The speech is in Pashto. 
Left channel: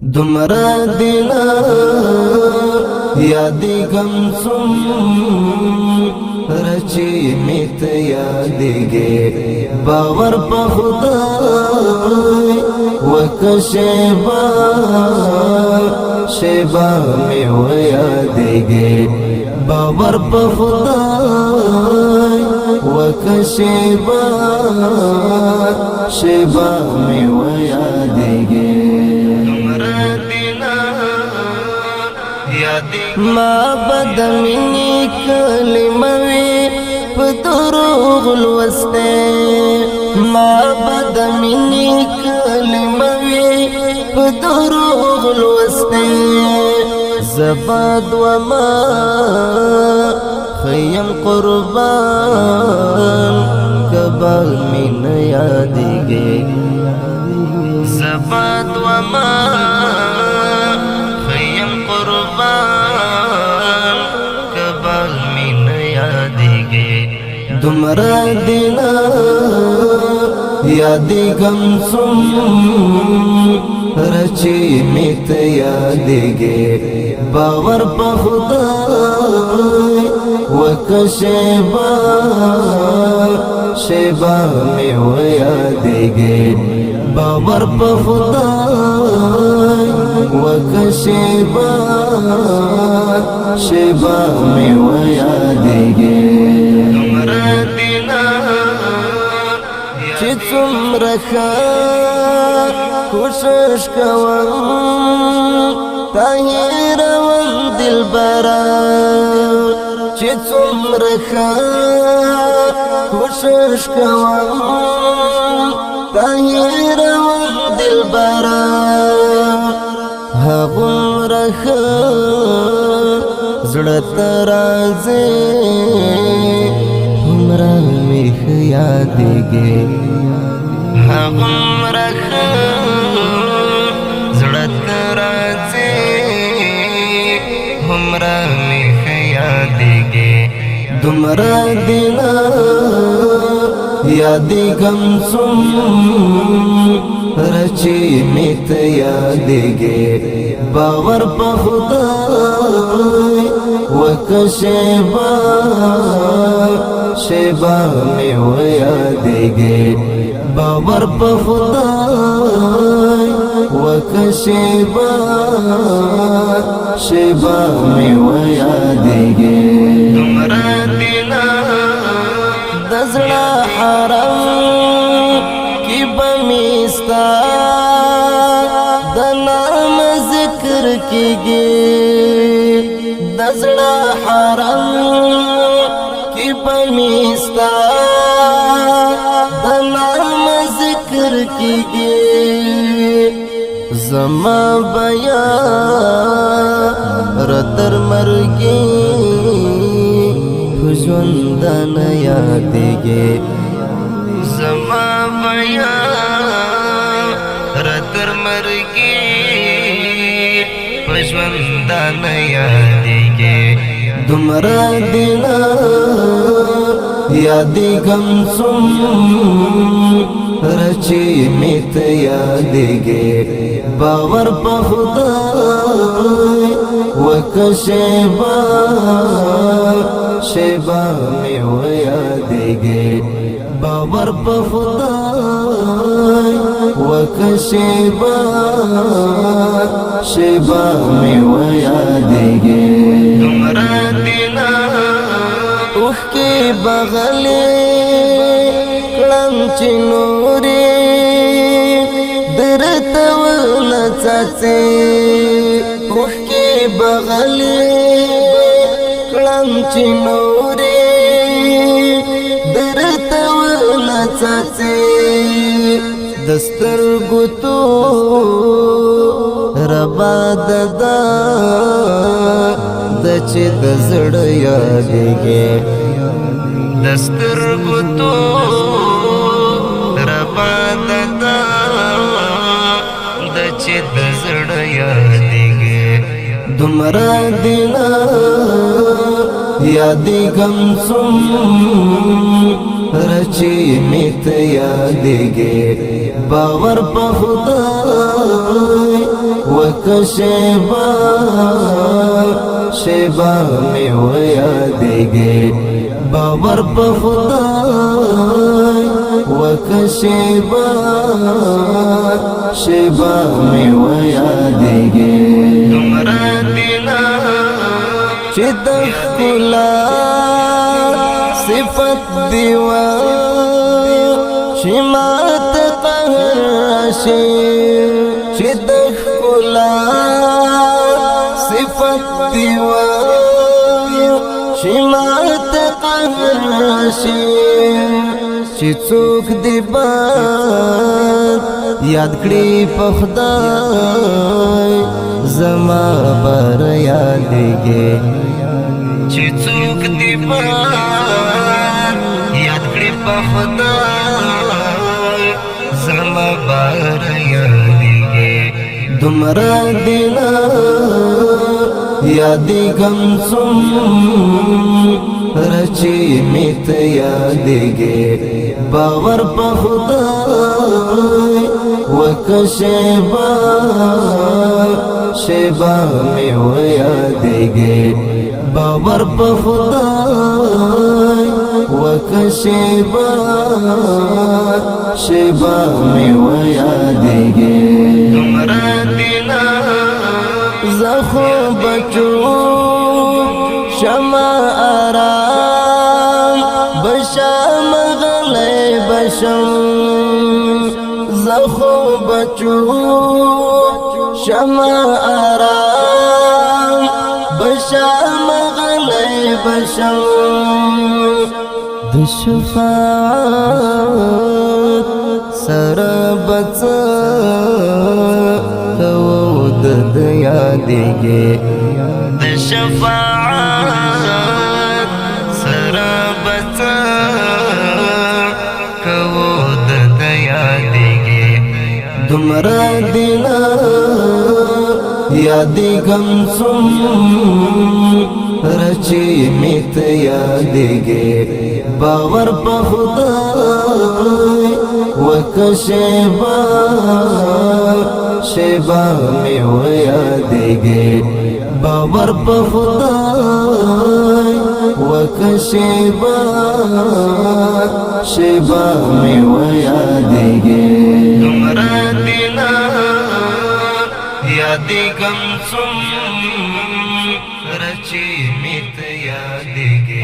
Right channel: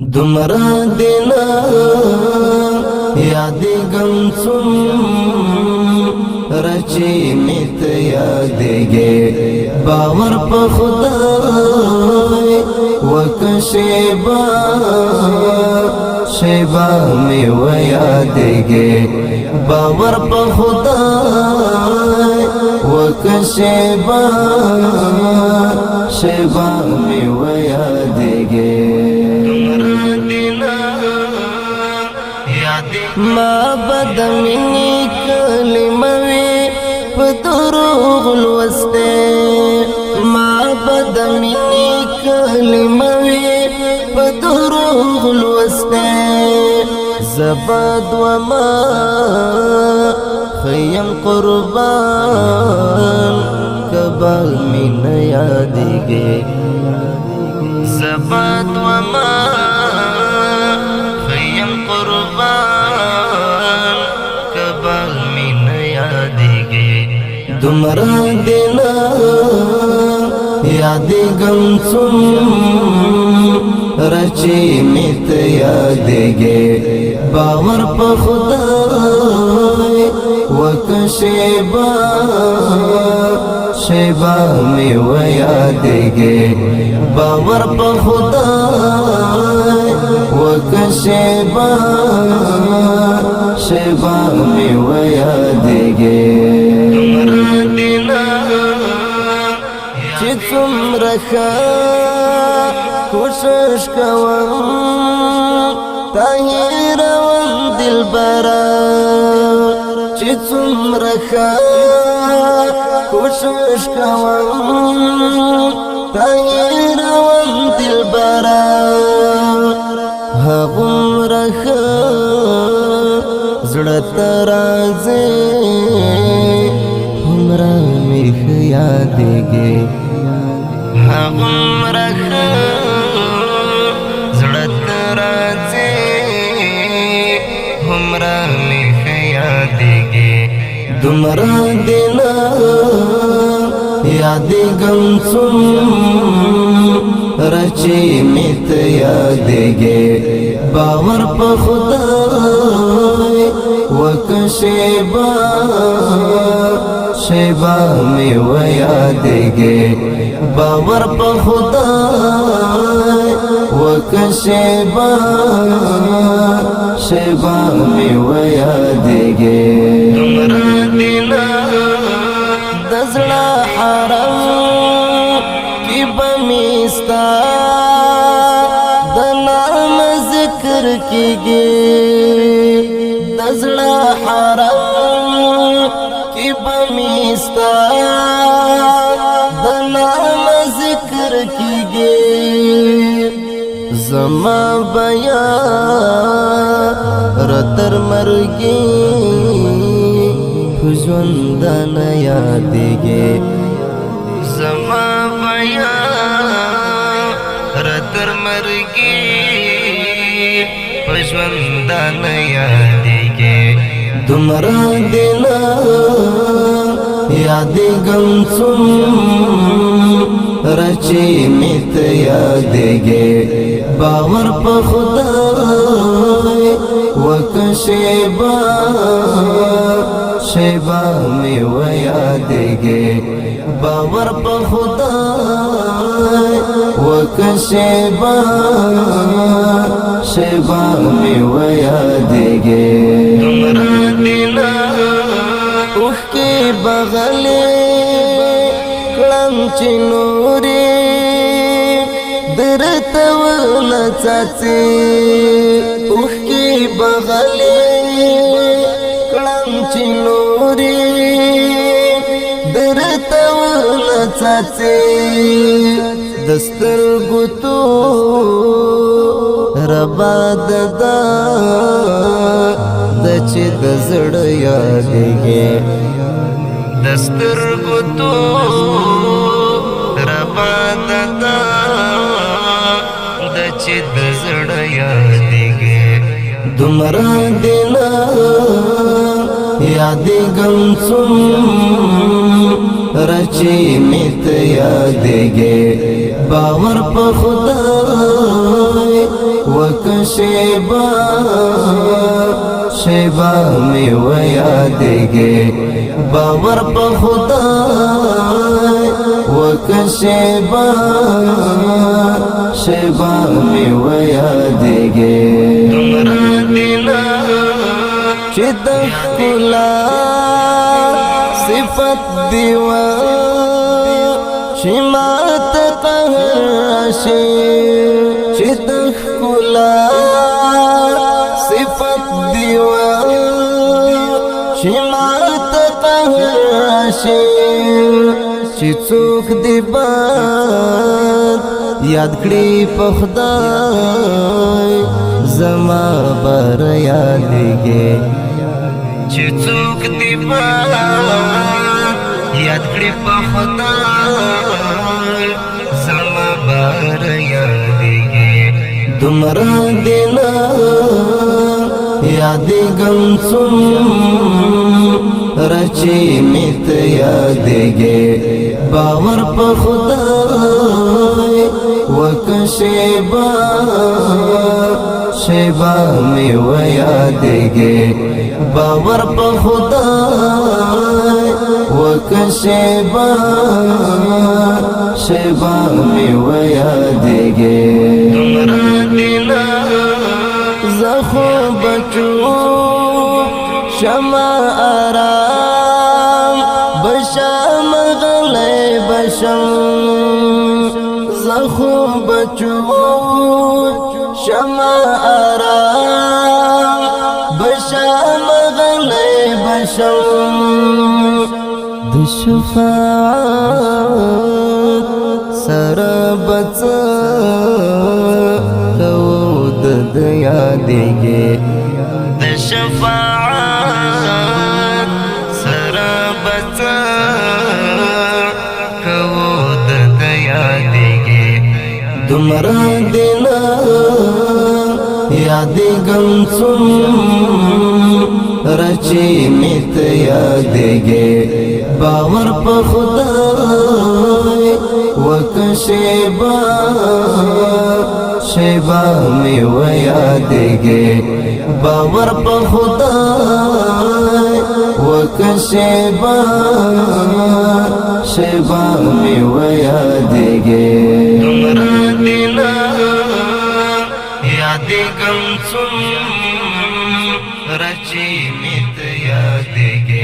دمرا دینا یادی گم سم رچی میت یادیگے باور پا خدای وک شیبا می و یادیگے باور پا خدای وک شیبا می و یادیگے ما بد منی کلموی پدروغ لوستے ما بد منی کلموی پدروغ لوستے زباد وما خیم قربان کبال من یادیگے زباد وما خیم قربان کبال من یادیگے دمرا دینا یادی گم سم رچی میت یادیگے باور پا خدای وک شیبا می و یادیگے باور پا خدای وک شیبا می و یادیگے چی څومره کوشش کوم تاهیروم دلبرا چی څومره کوشش کوم تاهیروم دلبرا هغومره زړه ته راځي همرا می یادیږي هغومره زړه ته راځي همرا می یادیږي دمرا دینا یادی گم سم رچی میت یادیگے باور پا خدای وک شیبا می و یادیگے باور پا خدای وک شیبا می و یادیگے دزړه حرم کی بمیستا د نام ذکر کیږي دزړه حرم کی بمیستا د نام ذکر کیږي زما بیا رتر مرګي ژوندان یادیگے زما بیا رتر مرگی ژوندان یادیگے دمرا دینا یادی گم سم رچی میت یادیگے باور پا خدای وک شیبا می و یادیگے باور پا خدای وک شیبا می و یادیگے اوخ کی بغلی کلم چی نوری درتو نچاچی اوخ کی بغلی کلم چی نوری درتو نچاچی دستر گتو ربا ددا دچی دزڑ یادیگے دستر گتو ربا ددا دچی دزڑ یادیگے دمرا دینا یادی گم سم رچی میت یادیگے باور پا خدای وکشیبا شیبا می و یادگی باور په خدای وکشیبا شیبا می و یادگی دمرا دینا چه دخلا صفت دیوا شمات قهر راشي چه دخلا صفت دیوا شمات قهر راشي چې څوک دی باد یاد کړي په خدای زما بر یادګي چې څوک دی باد یاد کړي په خدای زما بر یادګي دمرا دینا یادی غم رچی میت یادگی باور په خدای وکشیبا شیبا می و یادگی باور په خدای وکشیبا شیبا می و یادگی دمرا دینا زخو بچو شما آرام بشام غلی بشم زخو بچو شما آرام بشام غلی بشم د شفاعت سره بڅ د یادګي د شفاعت سره بڅ کو د یادګي دمرا دینا یادی غم رچی میت یادګي باور په خدای وکشیبا شیبا می و یادگی باور په خدای وکشیبا شیبا می و یادگی دمرا دینا یادی غم رچی میت یادگی